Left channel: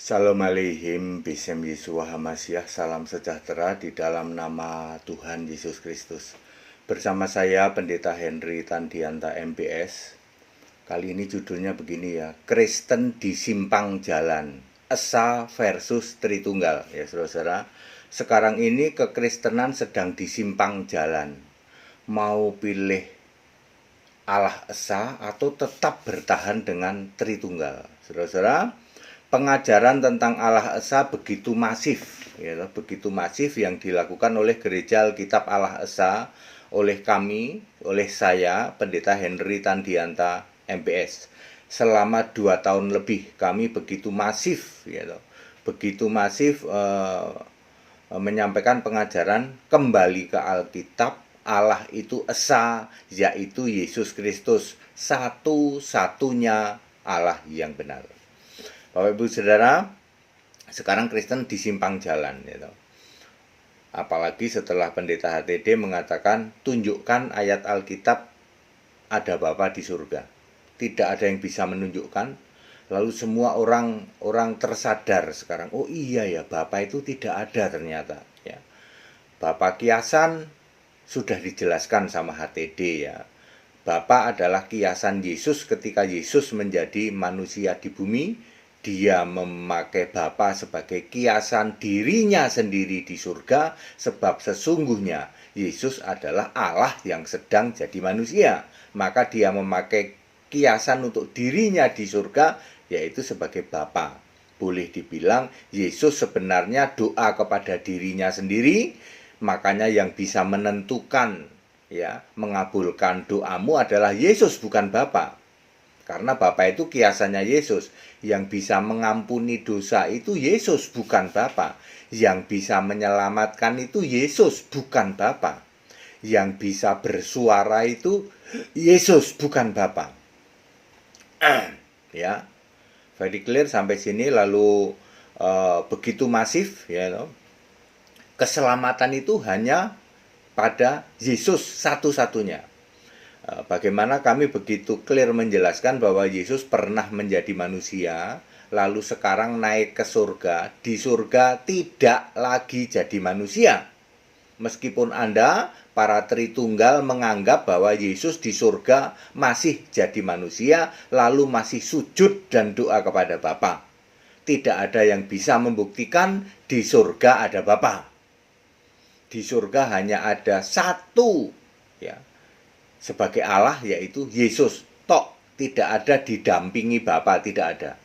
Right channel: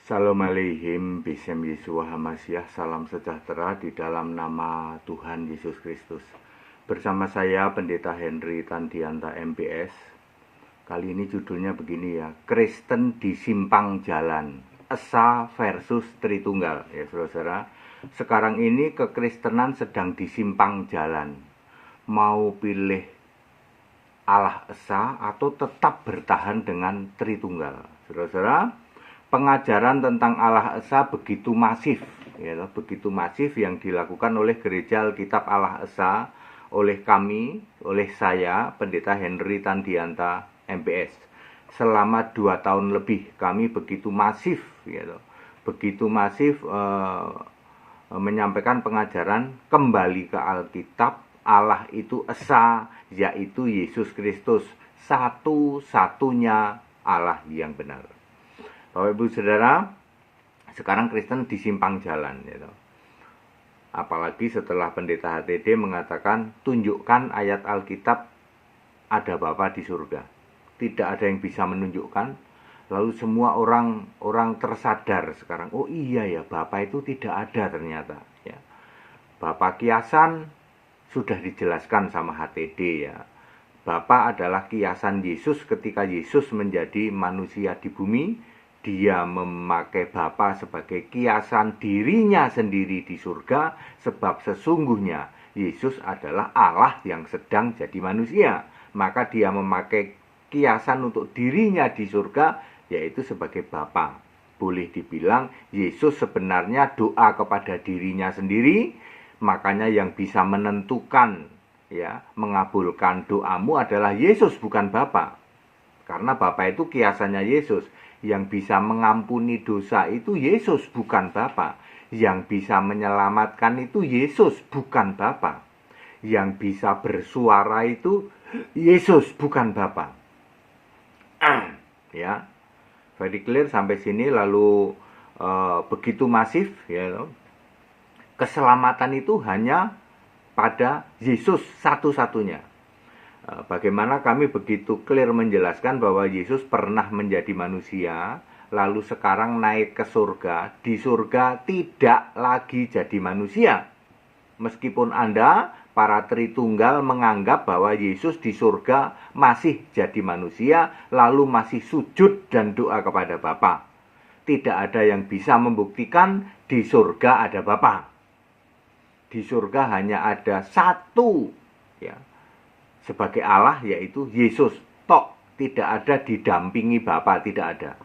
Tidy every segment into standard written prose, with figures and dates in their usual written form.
Shalom aleihim, Bisem Yeshua Hamasyah, salam sejahtera di dalam nama Tuhan Yesus Kristus. Bersama saya Pendeta Henry Tandianta MPS. Kali ini judulnya begini ya, Kristen di Simpang Jalan, Esa versus Tritunggal. Ya saudara, sekarang ini kekristenan sedang di simpang jalan. Mau pilih Allah Esa atau tetap bertahan dengan Tritunggal. Saudara, pengajaran tentang Allah Esa begitu masif, ya, begitu masif yang dilakukan oleh Gereja Alkitab Allah Esa, oleh kami, oleh saya, Pendeta Henry Tandianta MPS. Selama 2 tahun lebih kami begitu masif, ya, begitu masif menyampaikan pengajaran kembali ke Alkitab. Allah itu Esa, yaitu Yesus Kristus, satu-satunya Allah yang benar. Bapak Ibu Saudara, sekarang Kristen di simpang jalan, gitu. Apalagi setelah Pendeta HTD mengatakan, tunjukkan ayat Alkitab ada Bapa di surga. Tidak ada yang bisa menunjukkan. Lalu semua orang tersadar sekarang, oh iya ya, Bapa itu tidak ada ternyata. Ya. Bapa kiasan sudah dijelaskan sama HTD ya. Bapa adalah kiasan Yesus ketika Yesus menjadi manusia di bumi. Dia memakai Bapa sebagai kiasan dirinya sendiri di surga, sebab sesungguhnya Yesus adalah Allah yang sedang jadi manusia. Maka dia memakai kiasan untuk dirinya di surga, yaitu sebagai Bapa. Boleh dibilang Yesus sebenarnya doa kepada dirinya sendiri, makanya yang bisa menentukan, ya, mengabulkan doamu adalah Yesus, bukan Bapa. Karena Bapa itu kiasannya Yesus. Yang bisa mengampuni dosa itu Yesus, bukan Bapa. Yang bisa menyelamatkan itu Yesus, bukan Bapa. Yang bisa bersuara itu Yesus, bukan Bapa. Ya, very clear sampai sini. Lalu begitu masif, ya, keselamatan itu hanya pada Yesus satu-satunya. Bagaimana kami begitu clear menjelaskan bahwa Yesus pernah menjadi manusia, lalu sekarang naik ke surga. Di surga tidak lagi jadi manusia. Meskipun Anda, para Tritunggal, menganggap bahwa Yesus di surga masih jadi manusia, lalu masih sujud dan doa kepada Bapa. Tidak ada yang bisa membuktikan di surga ada Bapa. Di surga hanya ada satu, ya, sebagai Allah, yaitu Yesus tok. Tidak ada didampingi Bapa, tidak ada.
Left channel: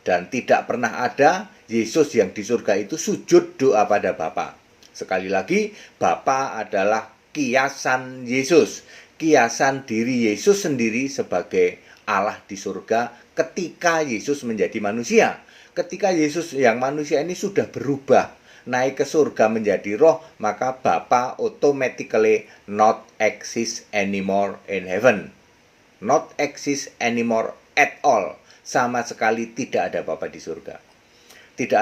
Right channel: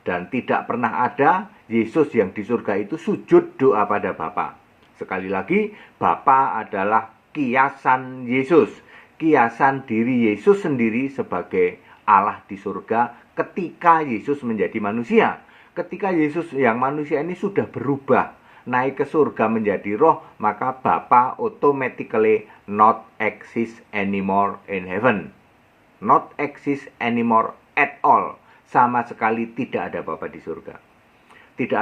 Dan tidak pernah ada Yesus yang di surga itu sujud doa pada Bapa. Sekali lagi, Bapa adalah kiasan Yesus, kiasan diri Yesus sendiri sebagai Allah di surga ketika Yesus menjadi manusia. Ketika Yesus yang manusia ini sudah berubah, naik ke surga menjadi roh, maka Bapa automatically not exist anymore in heaven. Not exist anymore at all. Sama sekali tidak ada Bapa di surga. Tidak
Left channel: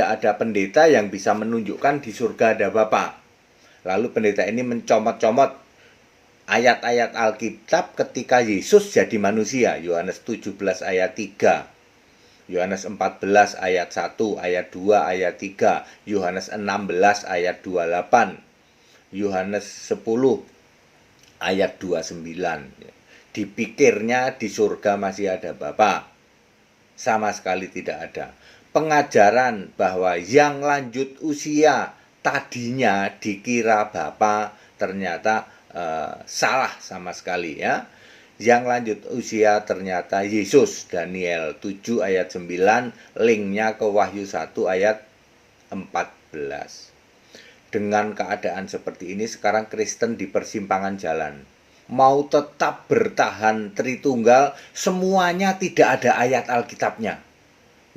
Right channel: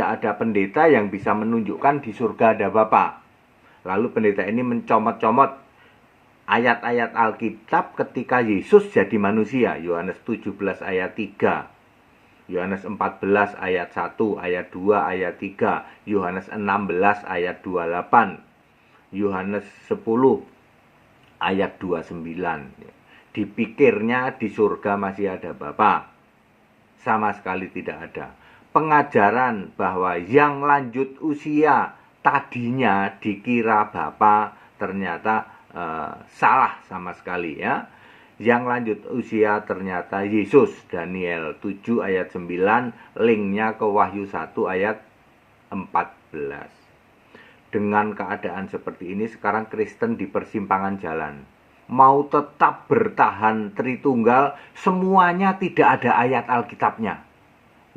ada pendeta yang bisa menunjukkan di surga ada Bapa. Lalu pendeta ini mencomot-comot ayat-ayat Alkitab ketika Yesus jadi manusia. Yohanes 17 ayat 3. Yohanes 14 ayat 1, ayat 2, ayat 3, Yohanes 16 ayat 28, Yohanes 10 ayat 29. Dipikirnya di surga masih ada Bapa. Sama sekali tidak ada. Pengajaran bahwa yang lanjut usia tadinya dikira Bapa ternyata salah sama sekali, ya. Yang lanjut usia ternyata Yesus. Daniel 7 ayat 9, linknya ke Wahyu 1 ayat 14. Dengan keadaan seperti ini, sekarang Kristen di persimpangan jalan. Mau tetap bertahan Tritunggal, semuanya tidak ada ayat Alkitabnya.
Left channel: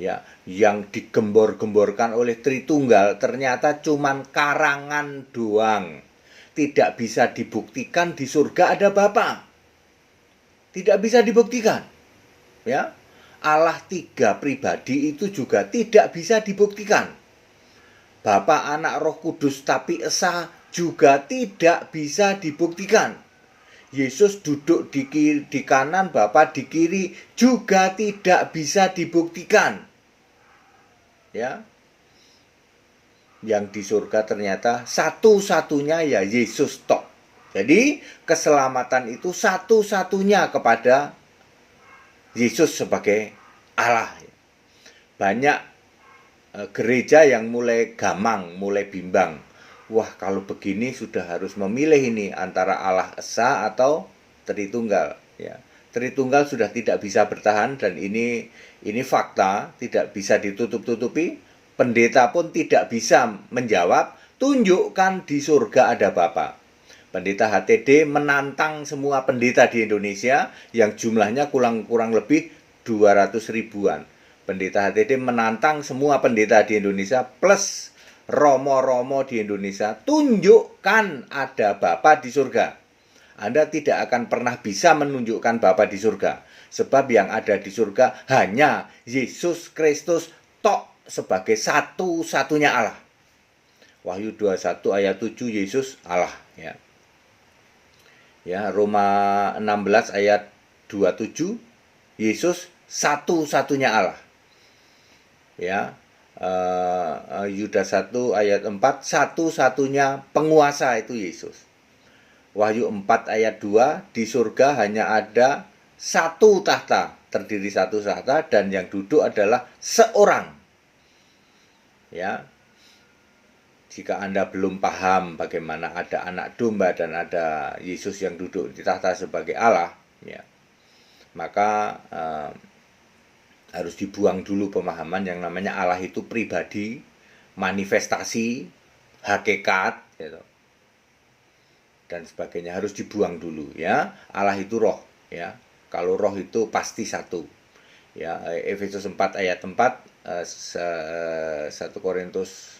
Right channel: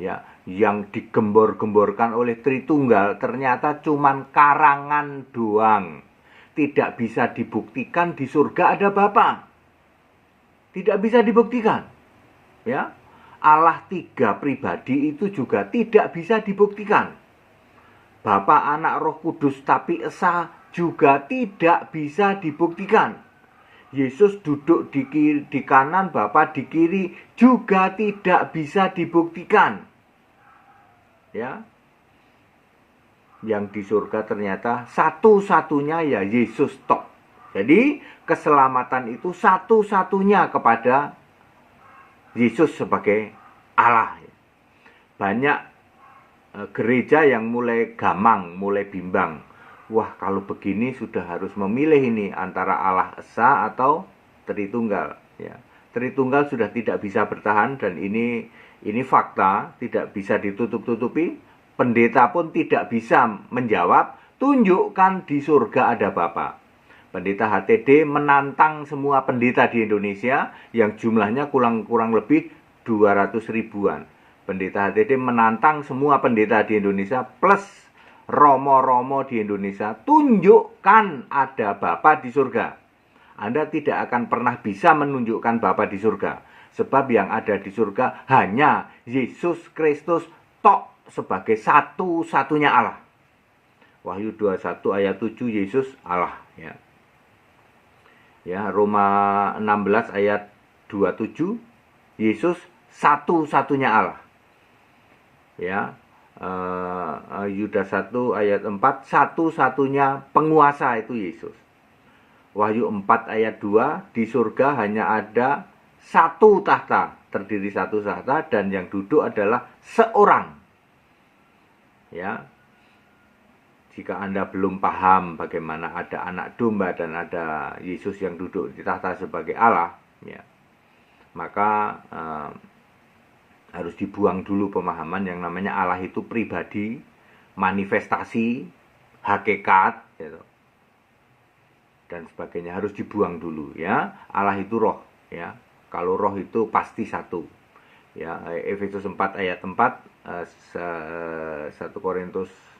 Ya, yang digembor-gemborkan oleh Tritunggal ternyata cuman karangan doang. Tidak bisa dibuktikan di surga ada Bapa. Tidak bisa dibuktikan, ya. Allah 3 pribadi itu juga tidak bisa dibuktikan. Bapa, Anak, Roh Kudus tapi Esa juga tidak bisa dibuktikan. Yesus duduk di kanan, Bapa di kiri juga tidak bisa dibuktikan. ya. Yang di surga ternyata satu-satunya ya Yesus tok. Jadi keselamatan itu satu-satunya kepada Yesus sebagai Allah. Banyak gereja yang mulai gamang, mulai bimbang. Wah, kalau begini sudah harus memilih ini antara Allah Esa atau Tritunggal, ya. Tritunggal sudah tidak bisa bertahan dan ini fakta, tidak bisa ditutup-tutupi. Pendeta pun tidak bisa menjawab, tunjukkan di surga ada Bapa. Pendeta HTD menantang semua pendeta di Indonesia yang jumlahnya kurang lebih 200 ribuan. Pendeta HTD menantang semua pendeta di Indonesia plus romo-romo di Indonesia, tunjukkan ada Bapa di surga. Anda tidak akan pernah bisa menunjukkan Bapa di surga, sebab yang ada di surga hanya Yesus Kristus tok sebagai satu-satunya Allah. Wahyu 21 ayat 7, Yesus Allah, ya. Ya, Roma 16 ayat 27, Yesus satu-satunya Allah. Ya, Yudas 1 ayat 4, satu-satunya penguasa itu Yesus. Wahyu 4 ayat 2, di surga hanya ada satu tahta, terdiri satu tahta dan yang duduk adalah seorang. Ya, jika Anda belum paham bagaimana ada anak domba dan ada Yesus yang duduk di tahta sebagai Allah, ya, maka harus dibuang dulu pemahaman yang namanya Allah itu pribadi, manifestasi, hakikat, gitu, dan sebagainya harus dibuang dulu, ya. Allah itu roh, ya. Kalau roh itu pasti satu, ya. Efesus 4 ayat 4, 1 Korintus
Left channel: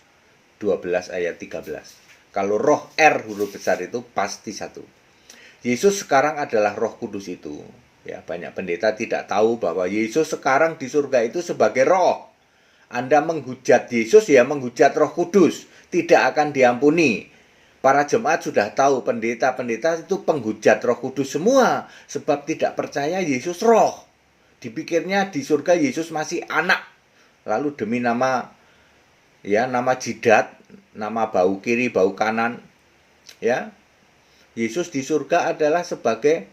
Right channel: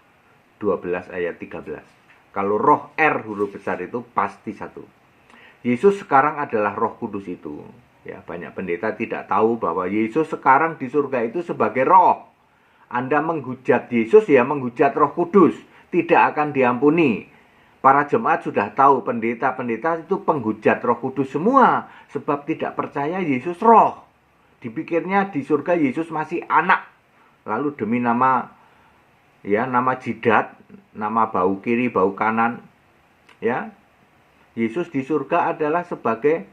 12 ayat 13. Kalau roh R huruf besar itu pasti satu. Yesus sekarang adalah Roh Kudus itu. Ya, banyak pendeta tidak tahu bahwa Yesus sekarang di surga itu sebagai roh. Anda menghujat Yesus ya menghujat Roh Kudus, tidak akan diampuni. Para jemaat sudah tahu pendeta-pendeta itu penghujat Roh Kudus semua, sebab tidak percaya Yesus roh. Dipikirnya di surga Yesus masih anak. Lalu demi nama, ya, nama jidat, nama bau kiri, bau kanan, ya, Yesus di surga adalah sebagai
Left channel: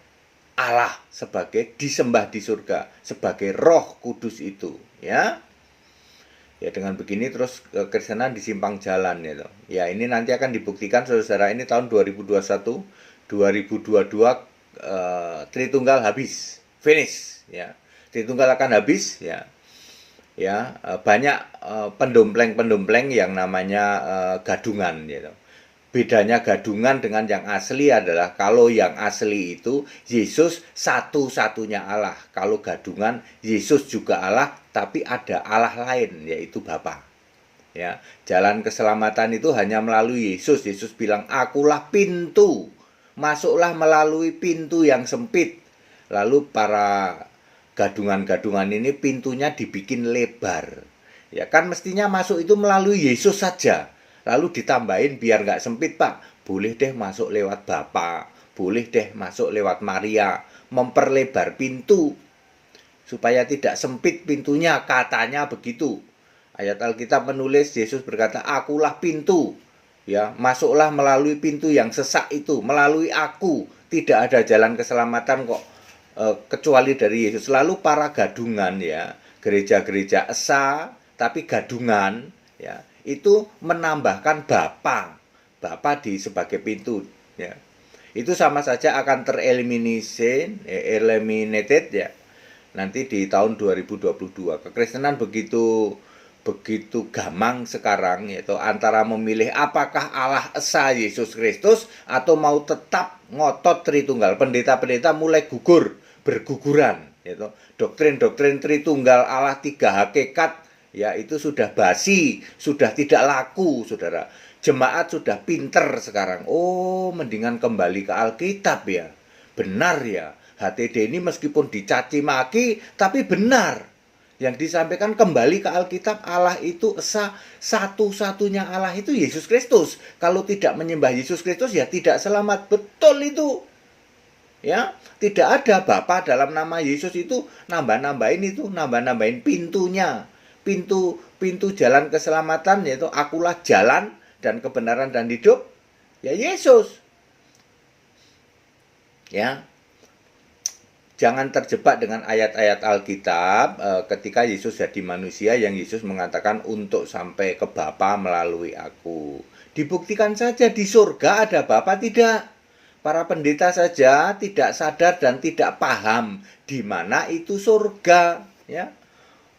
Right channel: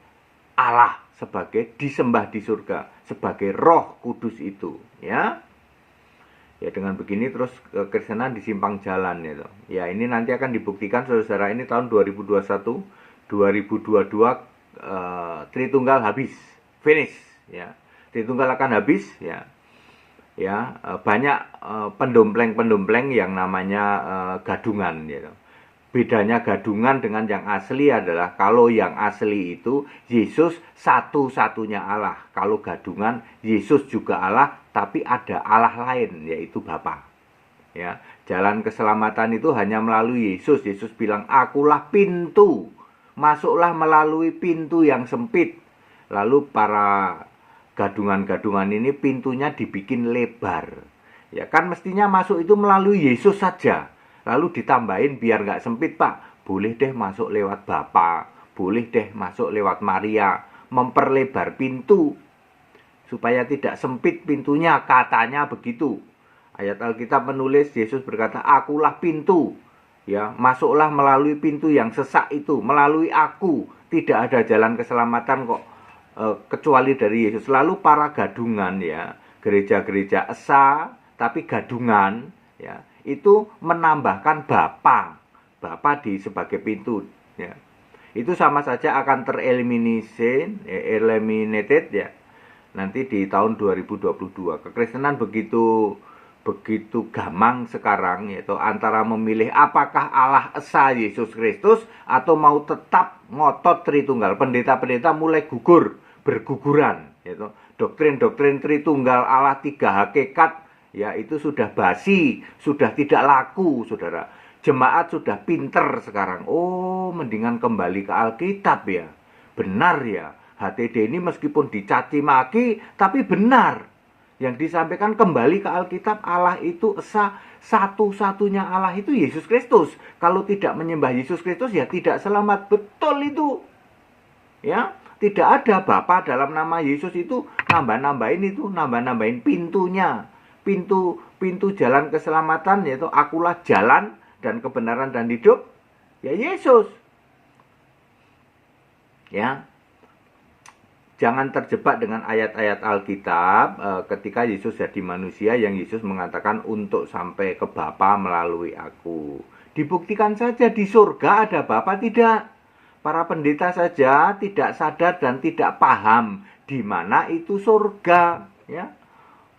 Allah, sebagai disembah di surga, sebagai Roh Kudus itu, ya. Ya, dengan begini terus kekristenan disimpang jalan, gitu. Ya, ini nanti akan dibuktikan saudara, ini tahun 2021, 2022 Tritunggal habis, finish, ya. Tritunggal akan habis, ya. Ya, banyak pendompleng-pendompleng yang namanya gadungan, gitu. Bedanya gadungan dengan yang asli adalah kalau yang asli itu Yesus satu-satunya Allah. Kalau gadungan Yesus juga Allah, tapi ada Allah lain, yaitu Bapa. Ya, jalan keselamatan itu hanya melalui Yesus. Yesus bilang, "Akulah pintu. Masuklah melalui pintu yang sempit." Lalu para gadungan-gadungan ini pintunya dibikin lebar. Ya kan mestinya masuk itu melalui Yesus saja. Lalu ditambahin biar nggak sempit, Pak. Boleh deh masuk lewat Bapa, boleh deh masuk lewat Maria. Memperlebar pintu supaya tidak sempit pintunya, katanya begitu. Ayat Alkitab menulis Yesus berkata, "Akulah pintu." Ya, masuklah melalui pintu yang sesak itu, melalui aku. Tidak ada jalan keselamatan kok kecuali dari Yesus. Lalu para gadungan, ya, gereja-gereja esa tapi gadungan, ya, itu menambahkan Bapa di sebagai pintu, ya. Itu sama saja akan eliminated, ya. Nanti di tahun 2022 kekristenan begitu gamang sekarang, yaitu antara memilih apakah Allah Esa Yesus Kristus atau mau tetap ngotot Tritunggal. Pendeta-pendeta mulai berguguran, yaitu doktrin-doktrin Tritunggal Allah tiga hakikat, ya, itu sudah basi, sudah tidak laku, saudara. Jemaat sudah pinter sekarang. Oh, mendingan kembali ke Alkitab, ya. Benar, ya. HTD ini meskipun dicaci maki, tapi benar. Yang disampaikan kembali ke Alkitab, Allah itu esa, satu-satunya Allah itu Yesus Kristus. Kalau tidak menyembah Yesus Kristus, ya tidak selamat. Betul itu. Ya, tidak ada Bapa dalam nama Yesus itu nambah-nambahin pintunya. pintu jalan keselamatan, yaitu akulah jalan dan kebenaran dan hidup, ya Yesus. Ya. Jangan terjebak dengan ayat-ayat Alkitab ketika Yesus jadi manusia yang Yesus mengatakan untuk sampai ke Bapa melalui aku. Dibuktikan saja di surga ada Bapa, tidak. Para pendeta saja tidak sadar dan tidak paham di mana itu surga. Ya,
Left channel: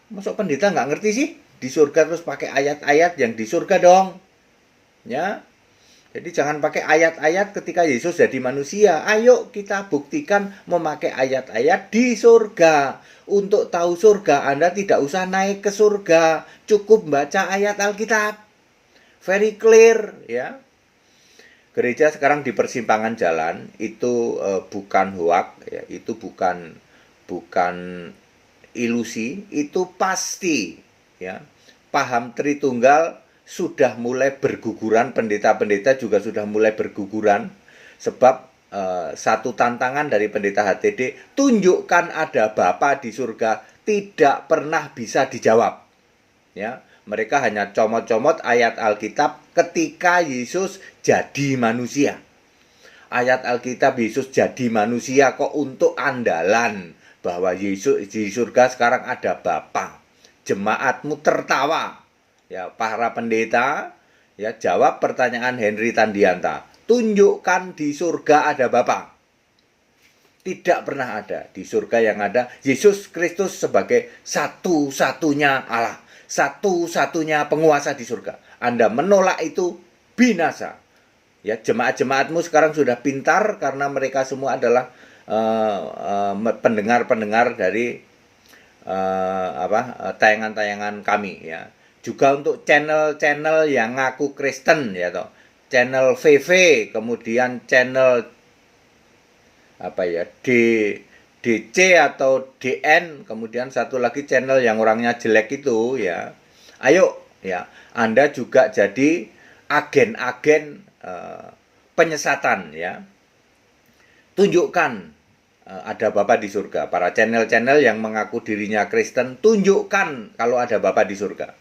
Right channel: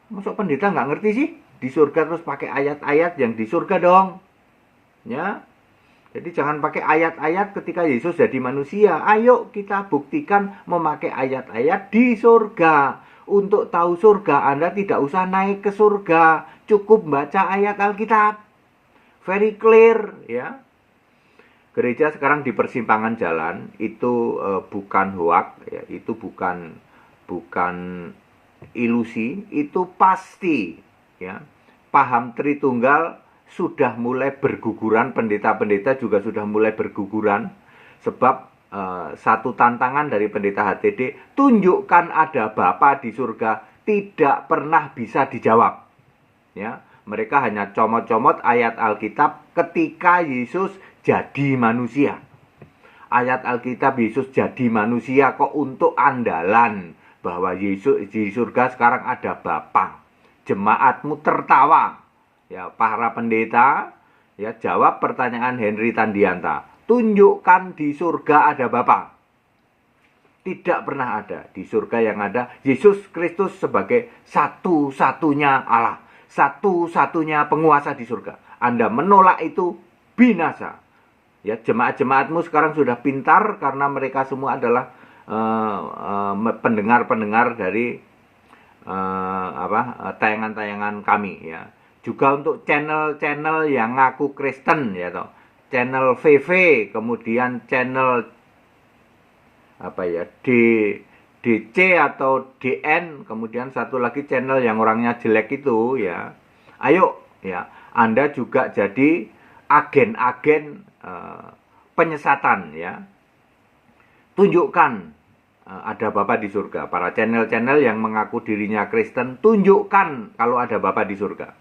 masuk pendeta nggak ngerti sih di surga terus pakai ayat-ayat yang di surga dong. Ya. Jadi jangan pakai ayat-ayat ketika Yesus jadi manusia. Ayo kita buktikan memakai ayat-ayat di surga. Untuk tahu surga, Anda tidak usah naik ke surga. Cukup baca ayat Alkitab. Very clear, ya. Gereja sekarang di persimpangan jalan, itu bukan hoak, ya. Itu bukan ilusi, itu pasti, ya. Paham Tritunggal sudah mulai berguguran, pendeta-pendeta juga sudah mulai berguguran, sebab satu tantangan dari pendeta HTD, tunjukkan ada Bapa di surga, tidak pernah bisa dijawab. Ya, mereka hanya comot-comot ayat Alkitab ketika Yesus jadi manusia. Ayat Alkitab Yesus jadi manusia kok untuk andalan bahwa Yesus di surga sekarang ada Bapa. Jemaatmu tertawa. Ya, para pendeta, ya, jawab pertanyaan Henry Tandianta. Tunjukkan di surga ada Bapa. Tidak pernah ada. Di surga yang ada Yesus Kristus sebagai satu-satunya Allah, satu-satunya penguasa di surga. Anda menolak itu binasa. Ya, jemaat-jemaatmu sekarang sudah pintar karena mereka semua adalah pendengar-pendengar dari tayangan-tayangan kami, ya. Juga untuk channel-channel yang ngaku Kristen, ya toh. Channel VV, kemudian channel DC atau DN, kemudian satu lagi channel yang orangnya jelek itu, ya. Ayo, ya, Anda juga jadi agen-agen penyesatan, ya. Tunjukkan ada Bapa di surga. Para channel-channel yang mengaku dirinya Kristen, tunjukkan kalau ada Bapa di surga.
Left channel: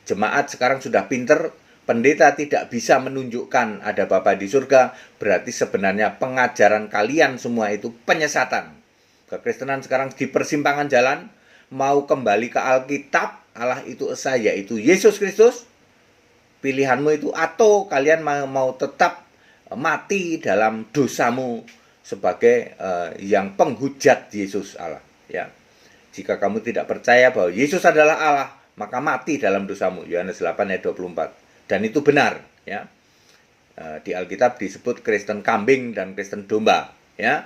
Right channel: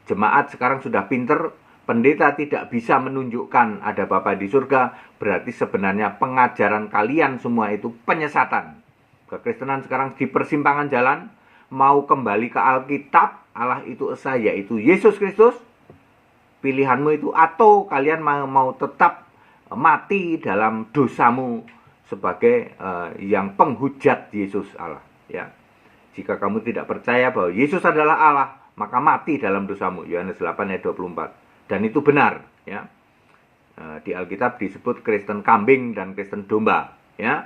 Jemaat sekarang sudah pinter, pendeta tidak bisa menunjukkan ada Bapa di surga, berarti sebenarnya pengajaran kalian semua itu penyesatan. Kekristenan sekarang di persimpangan jalan, mau kembali ke Alkitab, Allah itu esa, yaitu Yesus Kristus, pilihanmu itu, atau kalian mau tetap mati dalam dosamu sebagai yang penghujat Yesus Allah, ya. Jika kamu tidak percaya bahwa Yesus adalah Allah, maka mati dalam dosamu. Yohanes 8 ayat 24. Dan itu benar, ya. Di Alkitab disebut Kristen kambing dan Kristen domba, ya.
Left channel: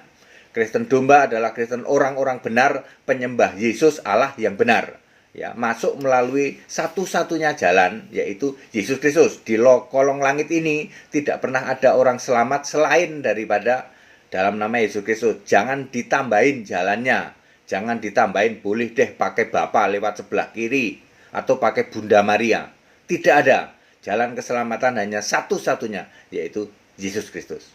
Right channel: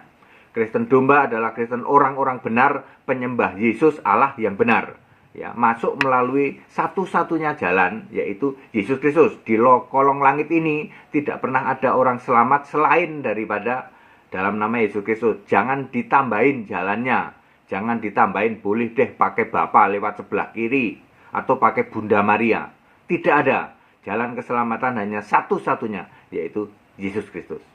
Kristen domba adalah Kristen orang-orang benar, penyembah Yesus Allah yang benar, ya. Masuk melalui satu-satunya jalan, yaitu Yesus Kristus. Di kolong langit ini tidak pernah ada orang selamat selain daripada dalam nama Yesus Kristus. Jangan ditambahin jalannya. Jangan ditambahin, boleh deh pakai Bapa lewat sebelah kiri atau pakai Bunda Maria. Tidak ada. Jalan keselamatan hanya satu-satunya, yaitu Yesus Kristus.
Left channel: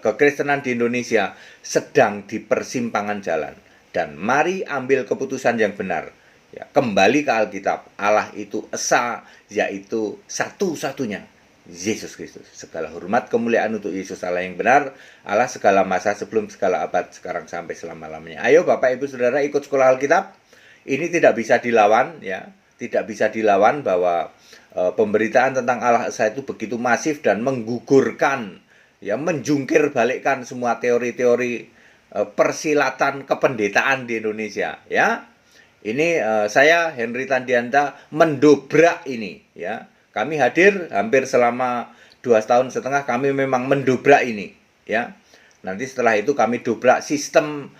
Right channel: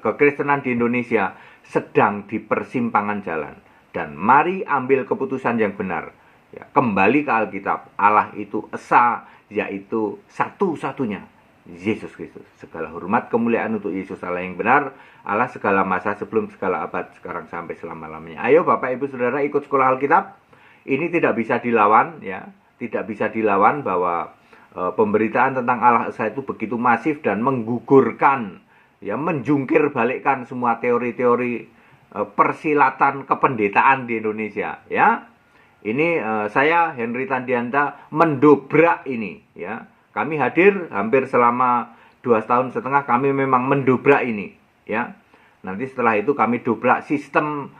Kekristenan di Indonesia sedang di persimpangan jalan. Dan mari ambil keputusan yang benar. Ya, kembali ke Alkitab. Allah itu esa, yaitu satu-satunya, Yesus Kristus. Segala hormat kemuliaan untuk Yesus Allah yang benar, Allah segala masa sebelum segala abad, sekarang sampai selama-lamanya. Ayo Bapak Ibu Saudara ikut sekolah Alkitab. Ini tidak bisa dilawan, ya. Tidak bisa dilawan bahwa pemberitaan tentang Allah Esa itu begitu masif dan menggugurkan, ya, menjungkir balikkan semua teori-teori persilatan kependetaan di Indonesia, ya. Ini saya Henry Tandianta mendobrak ini, ya. Kami hadir hampir selama 2,5 tahun, kami memang mendobrak ini, ya. Nanti setelah itu kami dobrak sistem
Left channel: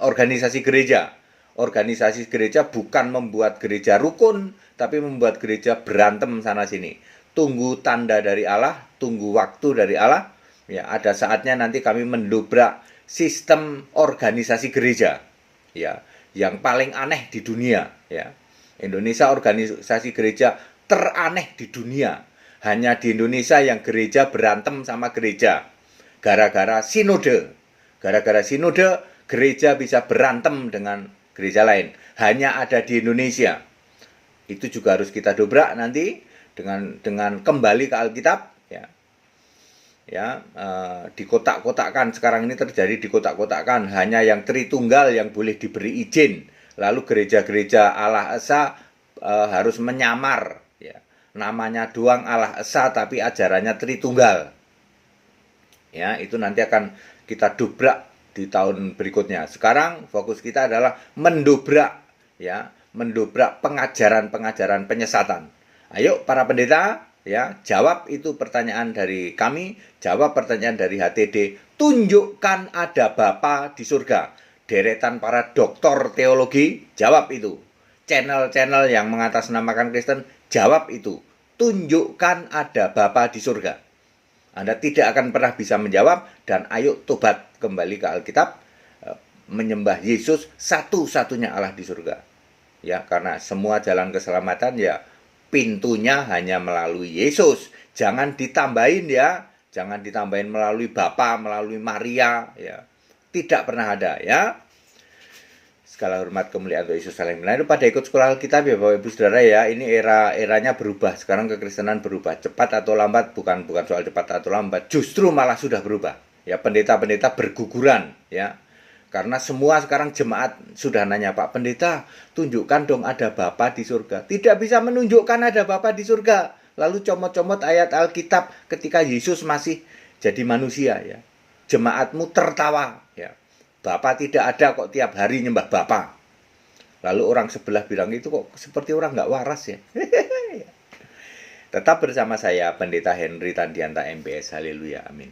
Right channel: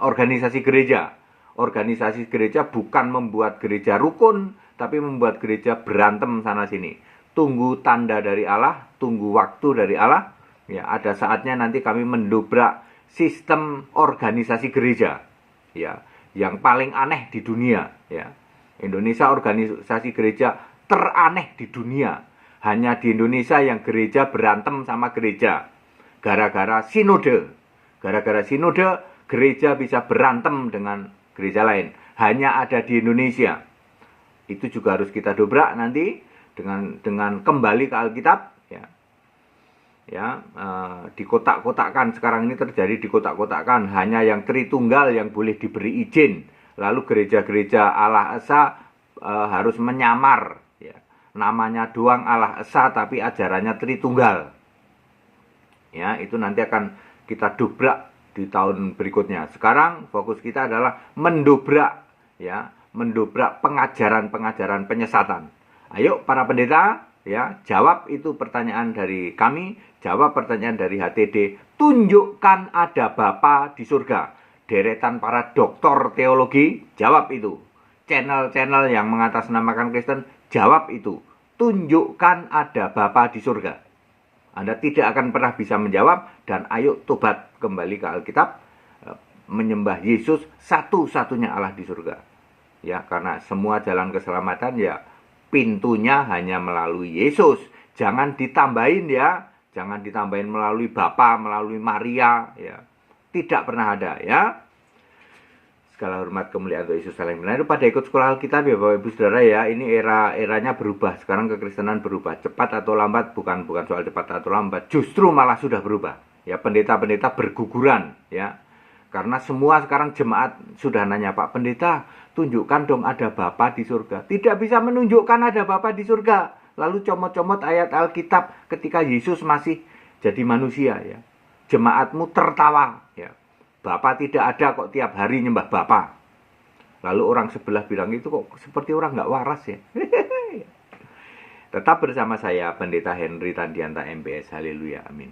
organisasi gereja. Organisasi gereja bukan membuat gereja rukun, tapi membuat gereja berantem sana sini. Tunggu tanda dari Allah, tunggu waktu dari Allah. Ya, ada saatnya nanti kami mendobrak sistem organisasi gereja, ya, yang paling aneh di dunia, ya. Indonesia organisasi gereja teraneh di dunia. Hanya di Indonesia yang gereja berantem sama gereja gara-gara sinode. Gara-gara sinode, gereja bisa berantem dengan gereja lain. Hanya ada di Indonesia. Itu juga harus kita dobrak nanti dengan kembali ke Alkitab, dikotak-kotakkan. Sekarang ini terjadi dikotak-kotakkan, hanya yang Tritunggal yang boleh diberi izin. Lalu gereja-gereja Allah Esa harus menyamar, namanya doang Allah Esa tapi ajarannya Tritunggal. Itu nanti akan kita dobrak di tahun berikutnya. Sekarang fokus kita adalah mendobrak pengajaran-pengajaran penyesatan. Ayo para pendeta, jawab itu pertanyaan dari kami, jawab pertanyaan dari HTD. Tunjukkan ada Bapa di surga. Deretan para doktor teologi, jawab itu. Channel-channel yang mengatasnamakan Kristen, jawab itu. Tunjukkan ada Bapa di surga. Anda tidak akan pernah bisa menjawab, dan ayo tobat kembali ke Alkitab, menyembah Yesus satu-satunya Allah di surga. Karena semua jalan keselamatan pintunya hanya melalui Yesus. Jangan ditambahin jangan ditambahin melalui Bapa, melalui Maria, Tidak pernah ada, Segala hormat kemuliaan untuk Yesus saling melayani. Pada ikut sekolah Alkitab Bapak Ibu Saudara Ini eranya berubah. Sekarang kekristenan berubah. Cepat atau lambat, bukan soal cepat atau lambat. Justru malah sudah berubah. Pendeta-pendeta berguguran, Karena semua sekarang jemaat sudah nanya, Pak Pendeta, tunjukkan dong ada Bapa di surga. Tidak bisa menunjukkan ada Bapa di surga. Lalu comot-comot ayat Alkitab ketika Yesus masih jadi manusia, Jemaatmu tertawa, Bapa tidak ada kok, tiap hari nyembah Bapa. Lalu orang sebelah bilang, itu kok seperti orang nggak waras ya. Tetap bersama saya, Pendeta Henry Tandianta MPS. Haleluya, amin.